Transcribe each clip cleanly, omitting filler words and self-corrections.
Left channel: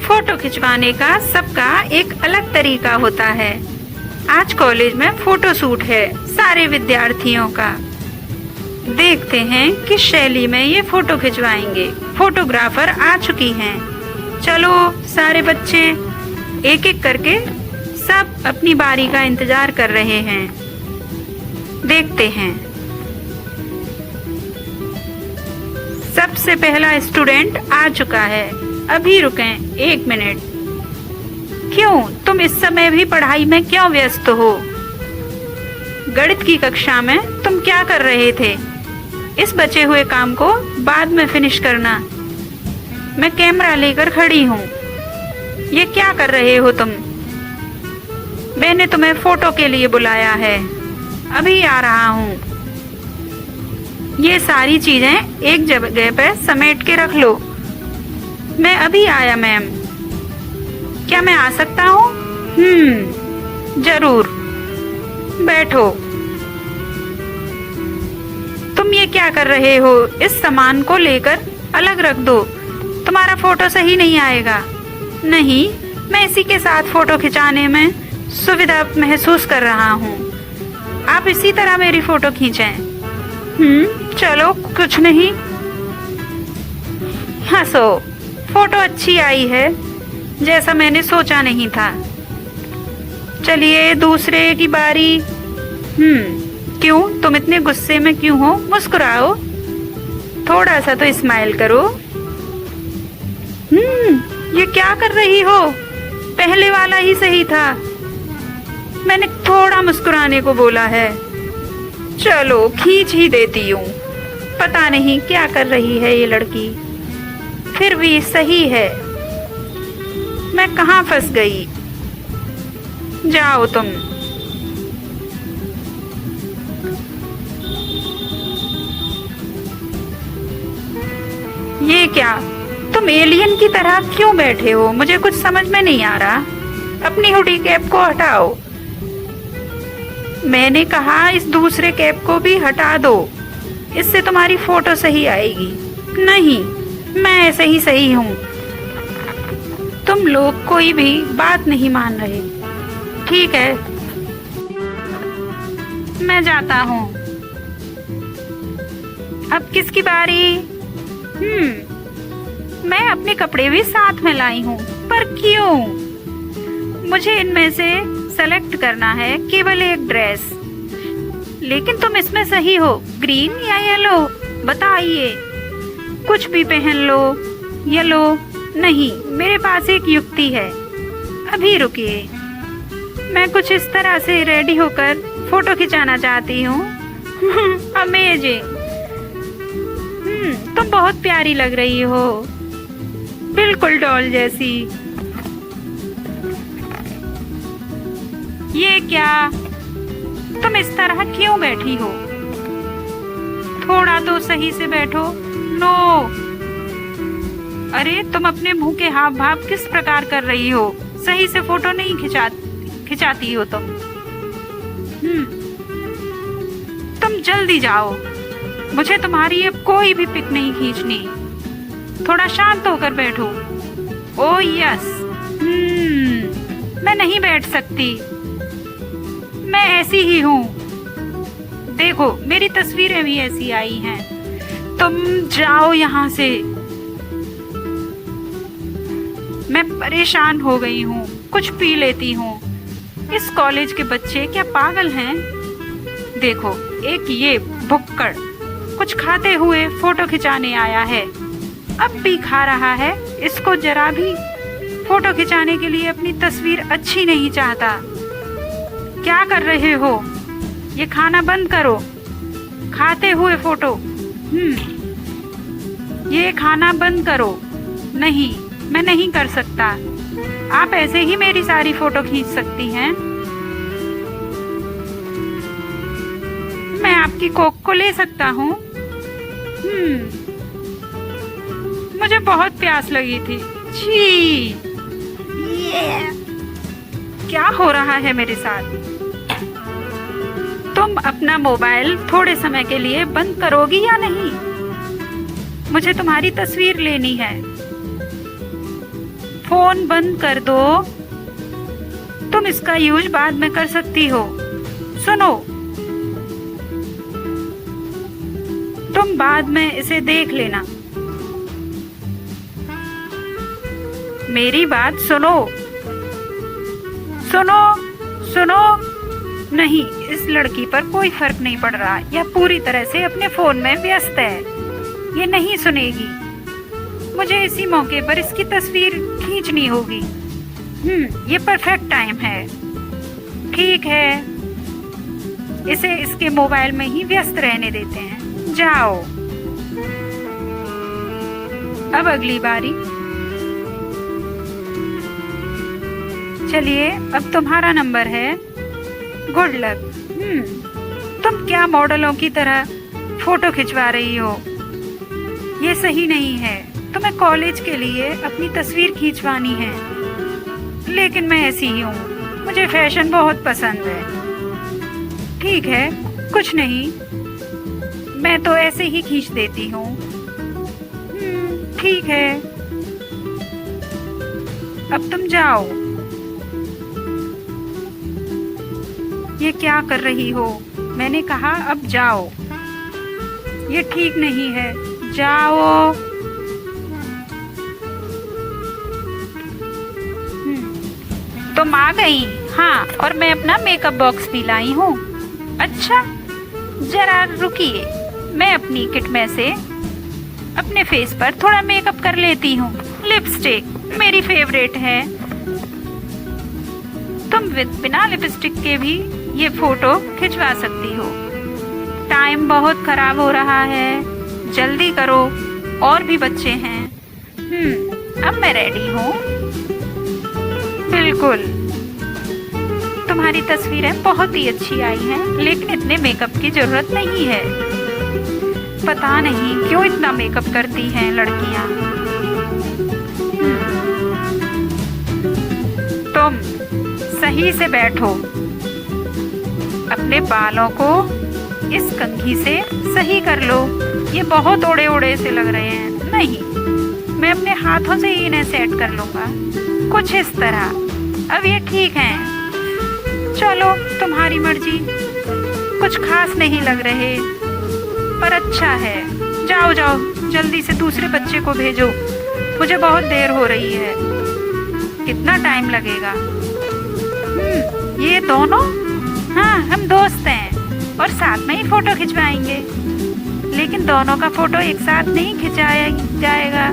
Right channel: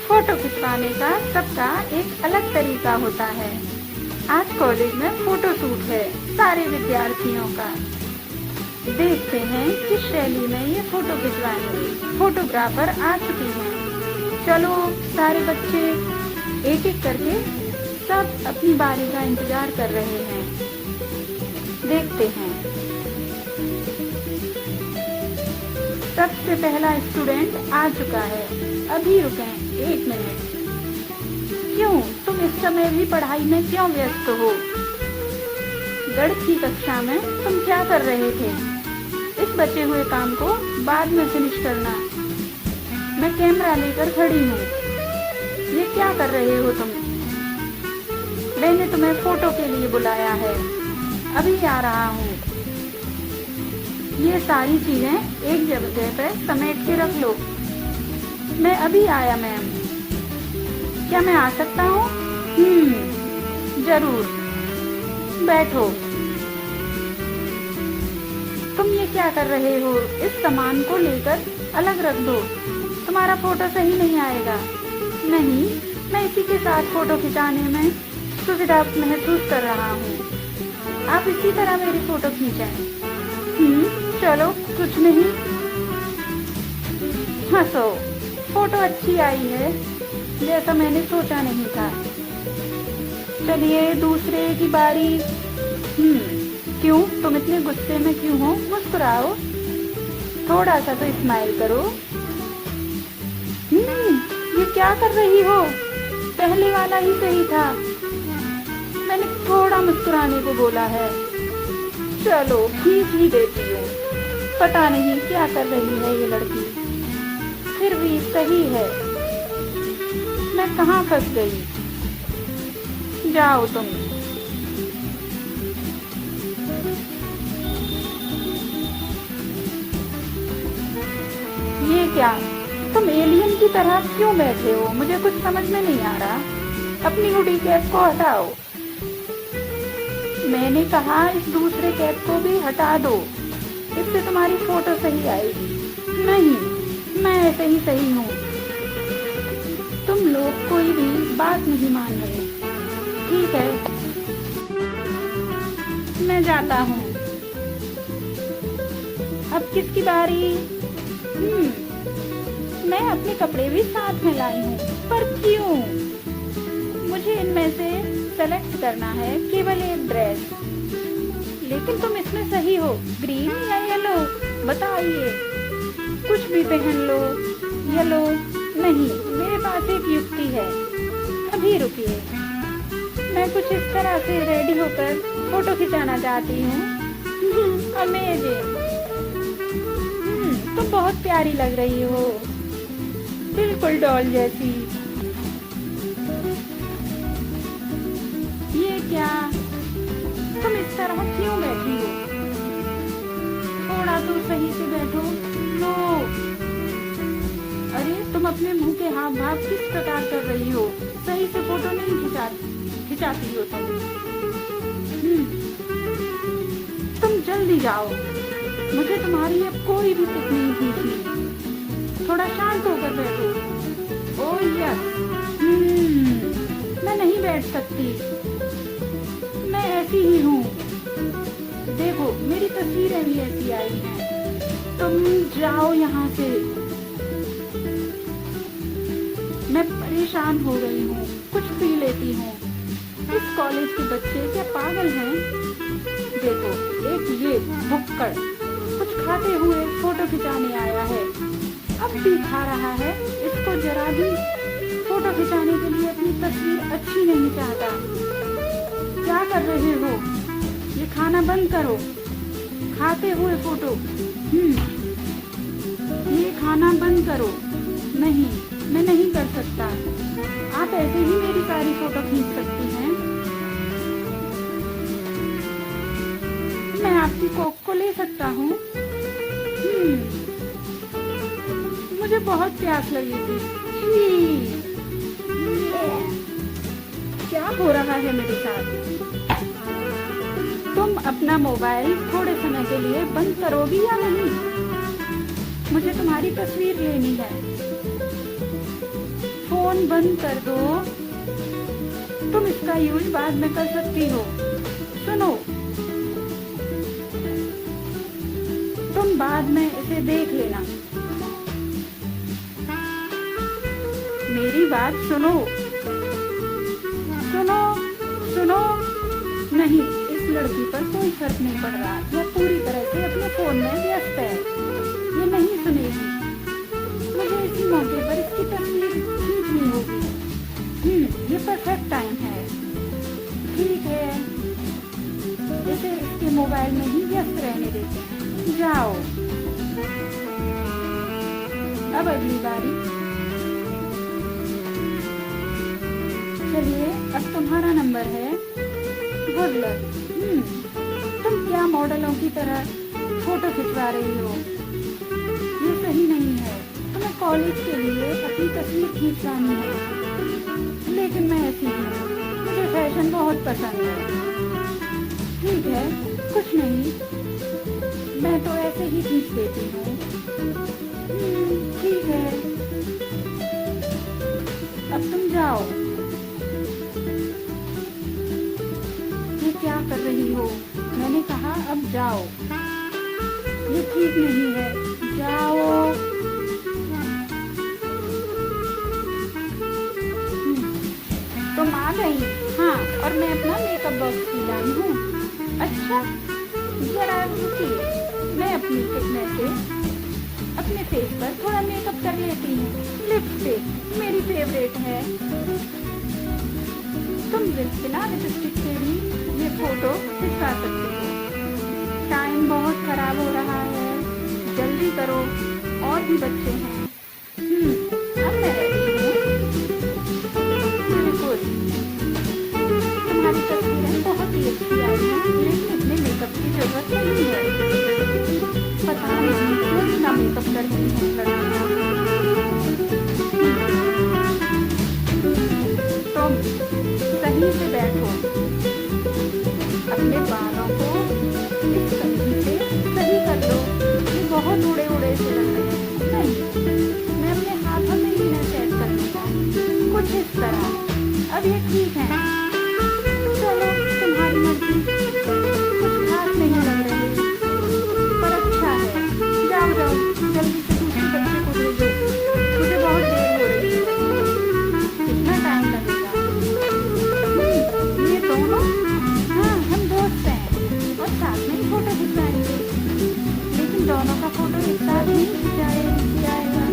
Photo खिंचवाने का सबका एक अलग तरीका होता है। आज कॉलेज में फोटो शूट है सारे विद्यार्थियों का। देखते हैं किस शैली में ये फोटो खिंचवाएंगे। फोटोग्राफर आ चुकी हैं। चलो सारे बच्चे एक एक करके सब अपनी बारी का इंतजार कर रहे हैं। देखते हैं। सबसे पहला स्टूडेंट आ चुका है। अभी रुकें 1 मिनट। क्यों तुम इस समय भी पढ़ाई में क्यों व्यस्त हो? गणित की कक्षा में तुम क्या कर रहे थे? इस बचे हुए काम को बाद में फिनिश करना। मैं कैमरा लेकर खड़ी हूँ। ये क्या कर रहे हो तुम? मैंने तुम्हें फोटो के लिए बुलाया है। अभी आ रहा हूँ। ये सारी चीजें एक जगह पे समेट के रख लो। मैं अभी आया मैम। क्या मैं आ सकता हूँ? जरूर। बैठो। तुम ये क्या कर रहे हो? इस सामान को लेकर अलग रख दो। तुम्हारा फोटो सही नहीं आएगा। नहीं, मैं इसी के साथ फोटो खिंचाने में सुविधा महसूस कर रहा हूँ। आप इसी तरह मेरी फोटो खींचें। चलो कुछ नहीं। हंसो। फोटो अच्छी आई है, जैसा मैंने सोचा नहीं था। चलिए दूसरे की बारी। क्यों तुम इतने गुस्से में क्यों हो? मुस्कुराओ। थोड़ा सा तो स्माइल करो। ये क्या कर रही हो? पहले वाला ही सही था। मैंने थोड़ा मुस्कुराने को बोला है। चलो खींच ही देती हूँ। पता नहीं क्या कर रही है ये लड़की। फिर भी सही है। मैं कहाँ फंस गई? जाओ तुम। ये क्या? तुम एलियन की तरह क्यों बैठे हो? मुझे कुछ समझ में नहीं आ रहा। अपनी हुडी कैप को हटाओ। मैंने कहा इस दूसरे कैप को भी हटा दो। इससे तुम्हारी फोटो सही आएगी। नहीं, मैं ऐसे ही सही हूँ। तुम लोग कोई भी बात नहीं मान रहे। ठीक है, मैं जाता हूँ। अब किसकी बारी? मैं अपने कपड़े भी साथ में लाई हूँ। पर क्यों? मुझे इनमें से सेलेक्ट करना है केवल एक ड्रेस। लेकिन तुम इसमें सही हो, ग्रीन या येलो? बताइए। कुछ भी पहन लो। येलो नहीं, मेरे पास एक युक्ति है। अभी रुकिए। मैं कुछ इस तरह से रेडी होकर फोटो खिंचाना चाहती हूँ। अमेजिंग। तुम बहुत प्यारी लग रही हो, बिल्कुल डॉल जैसी। ये क्या? तुम इस तरह क्यों बैठी हो? थोड़ा तो सही से बैठो। नो। अरे तुम अपने मुंह के हाव भाव किस प्रकार कर रही हो? सही से फोटो नहीं खिंचाती हो तुम। तुम जल्दी जाओ। मुझे तुम्हारी अब कोई भी पिक नहीं खींचनी। थोड़ा शांत होकर बैठो। Oh yes. मैं नहीं बैठ सकती। मैं ऐसी ही हूँ। देखो मेरी तस्वीरें भी ऐसी आई हैं। तुम जाओ यहाँ से। मैं परेशान हो गई हूँ। कुछ पी लेती हूँ। इस कॉलेज के बच्चे क्या पागल हैं? देखो एक ये भुक्कड़ कुछ खाते हुए फोटो खिंचाने आया है। अब भी खा रहा है। इसको जरा भी फोटो खिंचाने के लिए अपनी तस्वीर अच्छी नहीं चाहता। क्या कर रहे हो? ये खाना बंद करो। खाते हुए फोटो। ये खाना बंद करो। नहीं, मैं नहीं कर सकता। आप ऐसे ही मेरी सारी फोटो खींच सकती हैं। मैं आपकी कोक को ले सकता हूँ। मुझे बहुत प्यास लगी थी। छी। क्या हो रहा है मेरे साथ? तुम अपना मोबाइल थोड़े समय के लिए बंद करोगी या नहीं? मुझे तुम्हारी तस्वीर लेनी है। फोन बंद कर दो। तुम इसका यूज बाद में कर सकती हो। सुनो, तुम बाद में इसे देख लेना। मेरी बात सुनो। सुनो सुनो। नहीं, इस लड़की पर कोई फर्क नहीं पड़ रहा। यह पूरी तरह से अपने फोन में व्यस्त है। ये नहीं सुनेगी। मुझे इसी मौके पर इसकी तस्वीर खींचनी होगी। ये परफेक्ट टाइम है। ठीक है, इसे इसके मोबाइल में ही व्यस्त रहने देते हैं। जाओ। अब अगली बारी। चलिए, अब तुम्हारा नंबर है। Good luck. तुम क्या मॉडलों की तरह फोटो खिंचवा रही हो? ये सही नहीं है। तुम्हें कॉलेज के लिए अपनी तस्वीर खींचवानी है। लेकिन मैं ऐसी ही हूँ, मुझे फैशन बहुत पसंद है। ठीक है, कुछ नहीं, मैं तो ऐसे ही खींच देती हूँ। ठीक है, अब तुम जाओ। ये क्या कर रही हो? मैंने कहा अब जाओ। ये ठीक नहीं है। जाओ। तुम आ गई? हाँ, और मैं अपना मेकअप बॉक्स भी लाई हूँ। अच्छा, जरा रुकिए, मैं अपनी किट में से अपने फेस पर थोड़ा मेकअप कर लेती हूँ। लिपस्टिक मेरी फेवरेट है। तुम बिना लिपस्टिक के भी ये फोटो खिंचवा सकती हो। टाइम बहुत खराब हो रहा है, जल्दी करो, और भी बच्चे हैं। अब मैं रेडी हूँ। बिल्कुल, तुम्हारी तस्वीरें बहुत ही अच्छी आई हैं, लेकिन इतने मेकअप की जरूरत नहीं है। पता नहीं क्यों इतना मेकअप करती हैं लड़कियाँ। तुम सही से बैठो। अपने बालों को इस कंघी से सही कर लो। ये बहुत उड़े उड़े से लग रहे हैं। नहीं, मैं अपने हाथों से ही इन्हें सेट कर लूंगा, कुछ इस तरह। अब ये ठीक है। चलो, तुम्हारी मर्जी। कुछ खास नहीं लग रहे, पर अच्छा है। जाओ जाओ, जल्दी से दूसरे बच्चे को भेजो। मुझे बहुत देर हो रही है। कितना टाइम लगेगा? ये दोनों? हाँ, हम दोस्त हैं और साथ में ही फोटो खिंचवाएंगे। लेकिन दोनों का फोटो एक साथ नहीं खिंचाया जाएगा।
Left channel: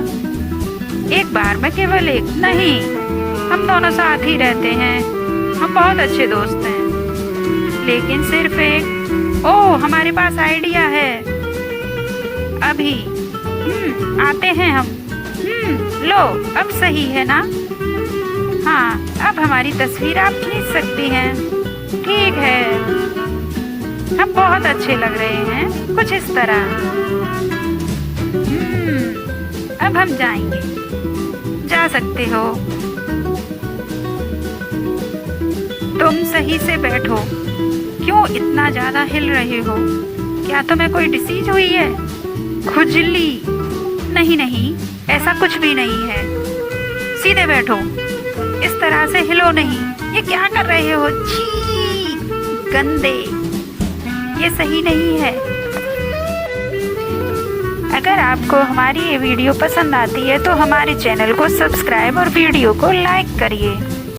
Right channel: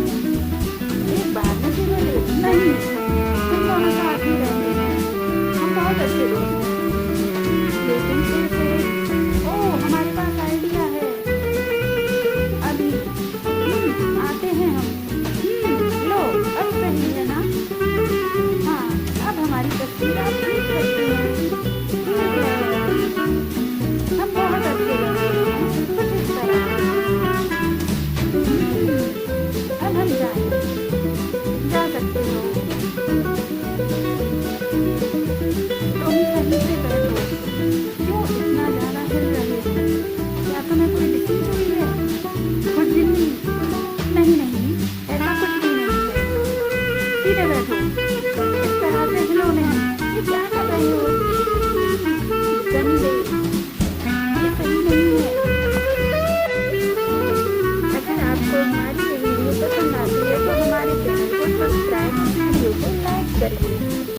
एक बार में केवल एक नहीं, हम दोनों साथ ही रहते हैं। हम बहुत अच्छे दोस्त हैं। लेकिन सिर्फ एक। ओह, हमारे पास आइडिया है। अभी आते हैं हम। लो, अब सही है ना? हाँ, अब हमारी तस्वीर आप खींच सकती हैं। ठीक है, अब बहुत अच्छे लग रहे हैं, कुछ इस तरह। अब हम जाएंगे। जा सकते हो। तुम सही से बैठो। क्यों इतना ज्यादा हिल रहे हो? क्या तुम्हें कोई डिसीज हुई है? खुजली? नहीं नहीं, ऐसा कुछ भी नहीं है। सीधे बैठो, इस तरह से हिलो नहीं। ये क्या कर रहे हो? छी, गंदे, ये सही नहीं है। अगर आपको हमारी ये वीडियो पसंद आती है तो हमारे चैनल को सब्सक्राइब और वीडियो को लाइक करिए।